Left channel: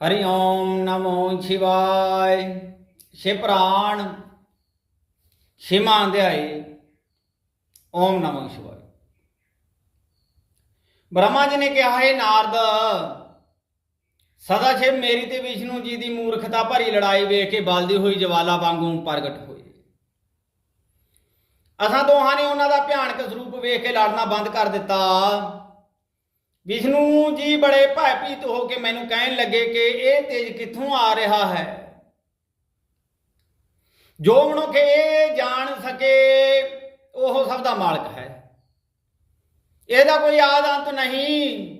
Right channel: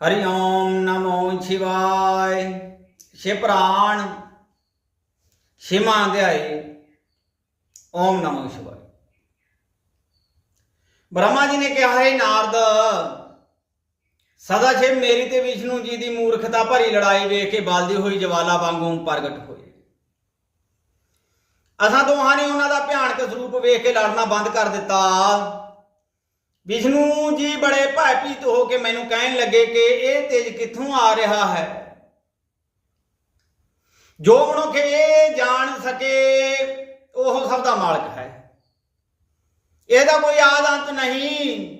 ਹਰੀ ਓਮ ਨਮੋ ਸ਼ਿਵਾਏ। ਸ਼ਿਵ ਪ੍ਰਾਣ ਛੇਵਾਂ ਅਧਿਆਏ ਓਮ ਨਮੋ ਸ਼ਿਵਾਏ। ਬ੍ਰਹਮਾ ਜੀ ਨੇ ਕਿਹਾ, ਹੈ ਨਾਰਦ, ਸਦਾ ਸ਼ਿਵ ਮੇਰੀ ਤੇ ਵਿਸ਼ਨੂੰ ਜੀ ਦੀ ਮੂਰਖਤਾ ਭਰੀ ਲੜਾਈ ਵੇਖ ਕੇ ਬਲਦੀ ਹੋਈ ਜਵਾਲਾ ਵਾਂਗੂ ਪ੍ਰਗਟ ਹੋਏ। ਅਸਾਂ ਦੋਹਾਂ ਨੇ ਉਹਨਾਂ ਦਾ ਭਿਆਨਕ ਸਰੂਪ ਵੇਖ ਕੇ ਲੜਨਾ ਬੰਦ ਕਰ ਦਿੱਤਾ। ਵਿਸ਼ਨੂੰ ਜੀ ਬੜੇ ਭੈਭੀਤ ਹੋ ਕੇ ਮੈਨੂੰ ਕਹਿਣ ਲੱਗੇ ਕਿ ਇਹ ਤੇਜ ਕਿੱਥੋਂ ਆ ਰਿਹਾ ਹੈ? ਜੋ ਮਨੁੱਖ ਇਹ ਜਾਣ ਸਕੇ, ਉਹ ਸਭ ਦਾ ਮਾਲਕ ਹੈ। ਇਹਦਾ ਕੋਈ ਆਦ ਅੰਤ ਨਹੀਂ।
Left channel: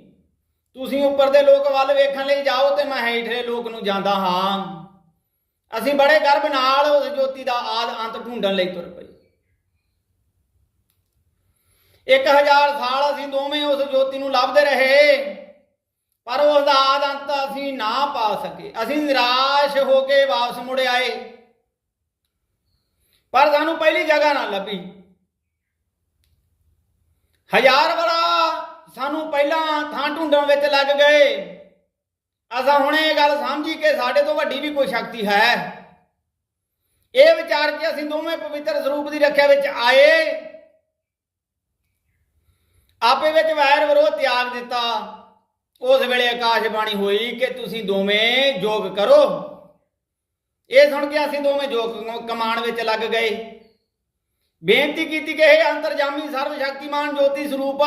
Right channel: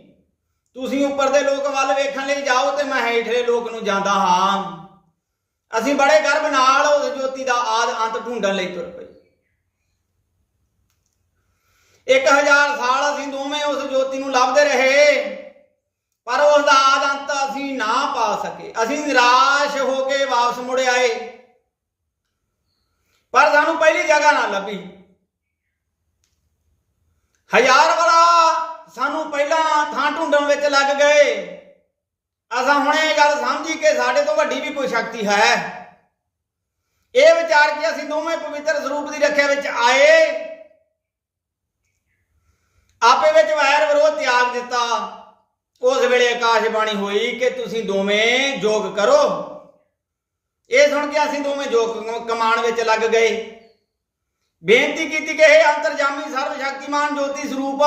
ਤੁਸੀਂ ਉੱਪਰ ਦੇ ਲੋਕ ਵੱਲ ਵੇਖਣ ਲਈ ਜਾਓ ਤੇ ਮੈਂ ਹੇਠਲੇ ਲੋਕ ਨੂੰ ਜਾਂਦਾ ਹਾਂ। ਅਸੀਂ ਬੜੇ ਗਰਭ ਨਾਲ ਉਸ ਜੋਤੀ ਦਾ ਆਦ ਅੰਤ ਢੂੰਡਣ ਲਈ ਤੁਰ ਪਏ। 1000 ਸਾਲ ਅਸੀਂ ਦੋਵੇਂ ਉਸ ਜੋਤੀ ਨੂੰ ਲੱਭਦੇ ਰਹੇ, ਪਰ ਉਸ ਦਾ ਆਦ ਅੰਤ ਅਸੀਂ ਨਾ ਪਾ ਸਕੇ। ਅਸੀਂ ਨਿਰਾਸ਼ ਹੋ ਕੇ ਵਾਪਸ ਮੁੜ ਆਏ। ਪਰ ਸਾਨੂੰ ਪਹਿਲੀ ਜਗ੍ਹਾ ਨਾ ਲੱਭੀ। ਹਜ਼ਾਰ ਵਾਲਾ ਸਾਨੂੰ ਪਹਿਲਾਂ ਥਾਂ ਢੂੰਡਣ ਵਿੱਚ ਲੱਗ ਗਏ। ਅਸਾਂ ਹੁਣ ਇਹ ਗੱਲ ਸਮਝੀ ਕਿ ਸਾਡੇ ਤੋਂ ਵੱਡੀ ਵੀ ਕੋਈ ਸ਼ਕਤੀ ਹੈ। ਇਹ ਵਿਚਾਰ ਕੇ ਅਸੀਂ ਦੋਵੇਂ ਪਵਿੱਤਰ ਸਰੂਪ ਦੀ ਰੱਖਿਆ ਵਿੱਚ ਆਏ। ਆਪੇ ਵਿੱਚ ਵੈਰ ਵਿਰੋਧ ਤਿਆਗ ਦਿੱਤਾ। ਉਸ ਵੇਲੇ ਆਕਾਸ਼ ਬਾਣੀ ਹੋਈ ਕਿ ਤੁਸੀਂ ਦੋਵੇਂ ਯੋਗ ਕਰੋ। ਇਹ ਸੁਣ ਕੇ ਅਸੀਂ ਦੋਵੇਂ ਯੋਗ ਕਮਾਣ ਵਿੱਚ ਲੱਗ ਗਏ। ਬੇਨਤੀ ਕੀਤੀ ਕਿ ਇਹ ਅੰਤਰਜਾਮੀ ਸਰਵ ਸ਼ਕਤੀਮਾਨ ਜੋਤੀ ਸਰੂਪ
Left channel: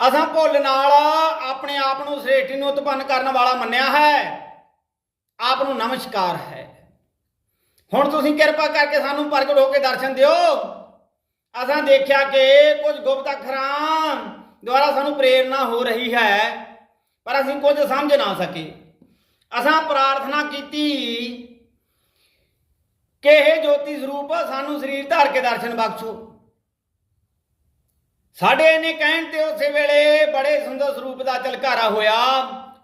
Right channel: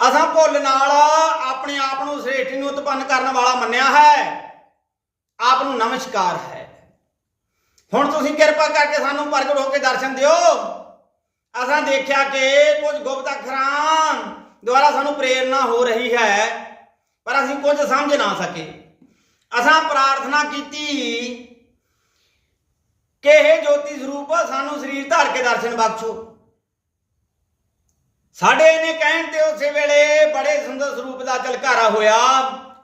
ਅਸਾਂ ਭੁੱਲ ਨਾਲ ਆਪਣੇ ਆਪ ਨੂੰ ਸ੍ਰੇਸ਼ਟੀ ਨੂੰ ਉਤਪੰਨ ਕਰਨ ਵਾਲਾ ਮੰਨਿਆ ਹੈ। ਆਪ ਨੂੰ ਨਮਸਕਾਰ ਹੈ। ਹੁਣ ਤੁਸੀਂ ਕਿਰਪਾ ਕਰਕੇ ਸਾਨੂੰ ਪ੍ਰਗਟ ਹੋ ਕੇ ਦਰਸ਼ਨ ਦਿਓ। ਅਸਾਂ ਦੇਖਿਆ ਕਿ ਕੁਝ ਗੁਪਤ ਅੱਖਰਾਂ ਦੁਆਰਾ ਸਾਨੂੰ ਪ੍ਰੇਰਣਾ ਹੋ ਰਹੀ ਹੈ, ਪਰ ਅਸੀਂ ਕੁਝ ਸਮਝ ਨਾ ਸਕੇ। ਅਸਾਂ ਪ੍ਰਾਰਥਨਾ ਕੀਤੀ ਕਿ ਇਹ ਜੋਤੀ ਸਰੂਪ ਸਾਨੂੰ ਸਰੀਰ ਧਾਰ ਕੇ ਦਰਸ਼ਨ ਬਖਸ਼ੋ। ਸਾਡੇ ਨੇ ਕਹਿਣ ਤੇ ਉਸੇ ਵੇਲੇ ਬੜੇ ਸੁੰਦਰ ਸਰੂਪ ਦਾ ਝਲਕਾਰਾ ਹੋਇਆ,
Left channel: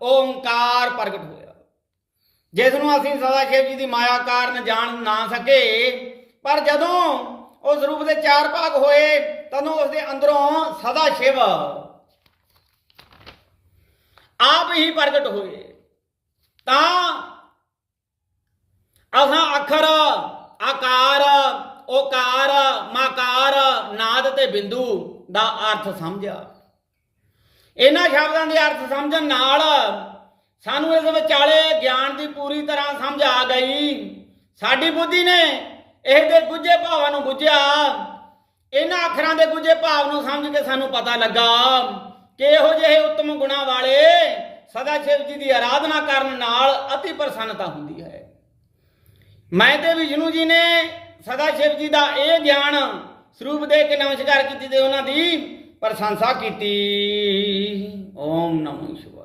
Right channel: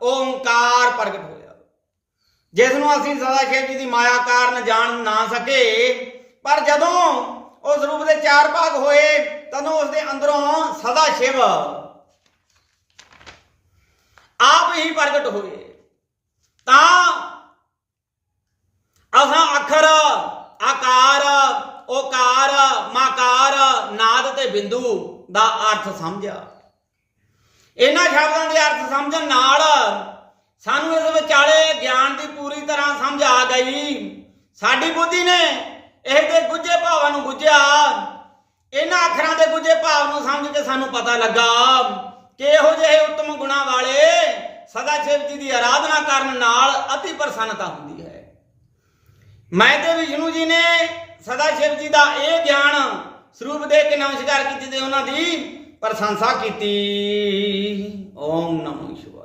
ਓੰਕਾਰ ਪ੍ਰਗਟ ਹੋਇਆ। ਜਿਸ ਨੂੰ ਅਸੀਂ ਸਦਾ ਸ਼ਿਵ ਜੀ ਦੀ ਮਾਇਆ ਕਾਰਨ ਜਾਣ ਨਾ ਸਕੇ, ਪਰ ਜਦੋਂ ਉਸ ਰੂਪ ਦੇ ਚਾਰ ਭਾਗ ਹੋਏ ਤਦੋਂ ਉਸ ਦੇ ਅੰਦਰੋਂ ਸਦਾ ਸ਼ਿਵ। ਆਪ ਹੀ ਪ੍ਰਗਟ ਹੋਏ। ਤਾਂ ਅਸਾਂ ਅੱਖਰ, ਆਕਾਰ, ਓਕਾਰ, ਮਾਕਾਰ, ਨਾਦ ਤੇ ਬਿੰਦੂ ਦਾ ਅਰਥ ਸਮਝਿਆ। ਇਹਨਾਂ ਸ਼ਬਦਾਂ ਦੇ ਅਰਥ ਸਮਝਣ ਨਾਲ ਸਾਨੂੰ ਇਸ ਵਿਚਾਲੇ ਗਿਆਨ ਦੀ ਪੂਰੀ ਤਰ੍ਹਾਂ ਸਮਝ ਆ ਗਈ। ਸਾਡੀ ਬੁੱਧੀ ਨੇ ਇਹ ਦੇ ਗੁੱਝੇ ਭਾਵਾਂ ਨੂੰ ਗੁੱਝਿਆ। ਇਹਨਾਂ ਅੱਖਰਾਂ ਦੇ ਗੁੱਝੇ ਭਾਵ ਨੂੰ ਸਮਝ ਕੇ ਸਾਨੂੰ ਪਤਾ ਲੱਗਾ ਕਿ ਇਹੋ ਜਿਹੇ ਉੱਤਮ ਗੁਣਾ ਵਾਲੇ ਸਦਾ ਸ਼ਿਵ ਜੀ ਦੀ ਆਰਾਧਨਾ ਕਰਨ ਨਾਲ ਅਤੀ ਪ੍ਰਸੰਨਤਾ ਹੁੰਦੀ ਹੈ। ਮੈਂ ਤੇ ਵਿਸ਼ਨੂੰ ਜੀ ਨੇ ਸਦਾ ਸ਼ਿਵ ਜੀ ਦਾ ਇਹ ਗਿਆਨ ਸਰੂਪ ਦੇ ਕੇ ਨਮਸਕਾਰ ਕੀਤੀ ਤੇ ਉਹਨਾਂ ਦੀ ਪ੍ਰਸ਼ੰਸਾ ਕੀਤੀ। ਓਮ ਨਮੋ ਸ਼ਿਵਾਏ।